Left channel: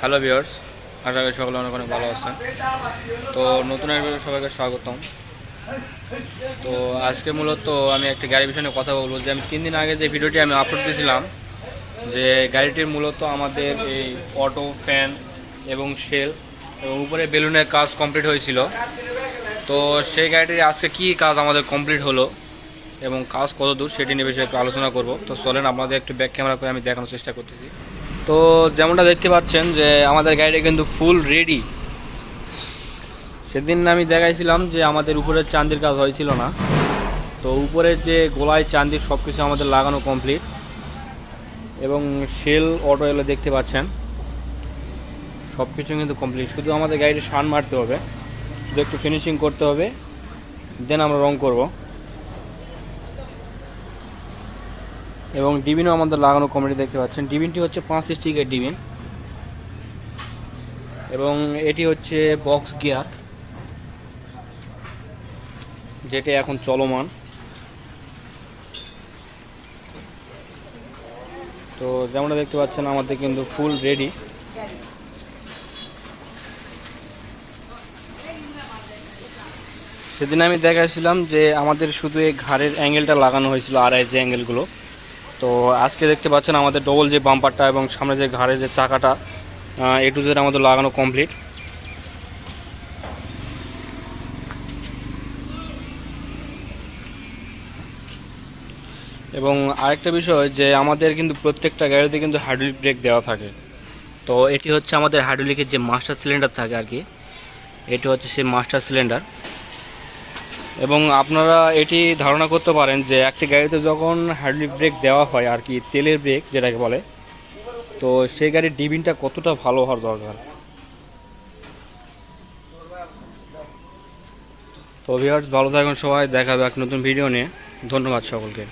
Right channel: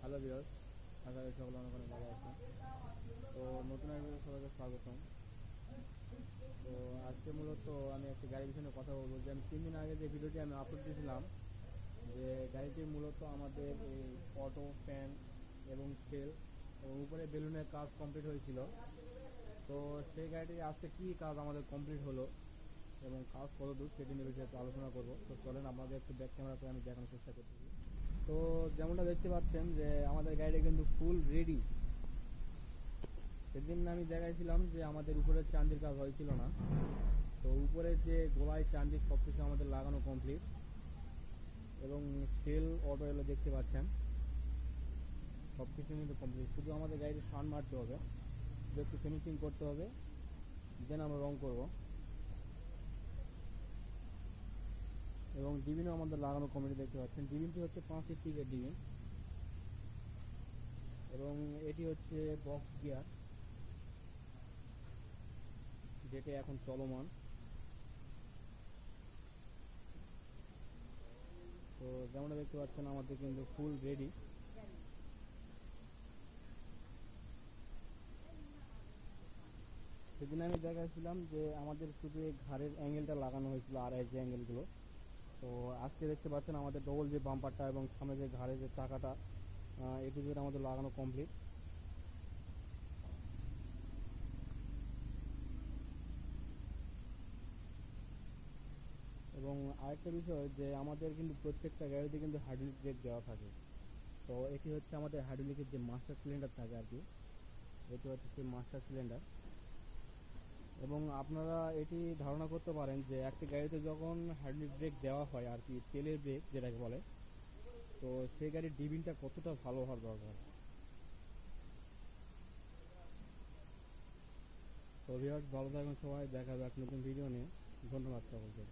Hello viewers, আশা করি সকলে অনেক অনেক ভালো আছেন। তো নতুন এক সবাইকে স্বাগতম। তো আজকে মূলত আমি একটা গাড়ি বিষয়ে কথা বলব। যে আমি তিন দিন আগে যে ভিডিওটি আমি আপলোড দিয়েছিলাম, যে গাড়িটির মূলত আমাদের এই অটো ফ্যান এবং শেল এবং উপরে বেলুনের কাজ কমপ্লিট হয়েছিল। তো সেই গাড়িটির আজকে কী কাজ আমাদের কমপ্লিট হলো এবং কাজ কত দূর সেটি নিয়ে বিষয়ে একটু আলোচনা করব। তো চলেন আপনাদের একটু ব্যাক ক্যামেরা করে আমি দেখানোর চেষ্টা করতেছি। তো যেমনটা দেখতে পাচ্ছেন যে আমাদের গাড়িটা কিন্তু ফুল রেডি সেদিন আমি দেখাইছিলাম যে আমাদের উপরের চান্দির কাজ হয়েছিল না। তো উপরের যে গোলায় চান্দির সব কিছু আমাদের লাগানো কমপ্লিট এবং শেল অটো এগুলো দেখতে পাচ্ছেন। সব কিছু কিন্তু কমপ্লিট শুধু আমাদের গাড়িটা শান মারতে হবে। শুধু একটু ফিনিশিং করতে হবে। দেন আমরা রং করব। এবং ডিবিনও আমাদের লাগানো কমেডি দেখতে পাচ্ছেন। ডিবিনটি হচ্ছে পাঁচ স্টিকের ডিবিন। এবং এটি হচ্ছে বক্স গিয়ার যেটি এখন চলমান। তো যেমনটা দেখতে পাচ্ছেন, আমাদের কিন্তু ফুল রেডি সেদিন আমি দেখাচ্ছিলাম যে আমাদের শুধু এই ঘাড়ের অ্যাঙ্গেলটা লাগানো হয়েছিল, আর আড়াই যে অ্যাঙ্গেলগুলো তো আজকে দেখতে পাচ্ছেন আমাদের ডবল যে বাম্পারটা এবং সামনে যে ঘাড়ের যে চাকাটা এ টু জেড আমাদের লাগানো কমপ্লিট এবং আরেকটা বিষয় যে আমাদের কিন্তু প্রত্যেকটা গাড়িতে কিন্তু হাইড্রোলিক ব্রেক দেওয়া থাকে। তো এটি হচ্ছে আমাদের হাইড্রোলিকের যে মাস্টার সিলিন্ডার থাকে আর কি, এটি হচ্ছে সেই মাস্টার সিলিন্ডার এবং আপনারা এটি ধারণা করতে পারেন যে একটি গাড়িতে যখন হাইড্রোলিক ব্রেক দেওয়া হয় আর কি, তেলের ব্রেক যেটাকে বলে, তো সেই গাড়ির ডিবিনটা কতটা ভালো হওয়ার দরকার? তো ভিউয়ার্স ভালো থাকুন সবাই দেখাবে এক নতুন ভিডিও নিয়ে। ধন্যবাদ সকলকে।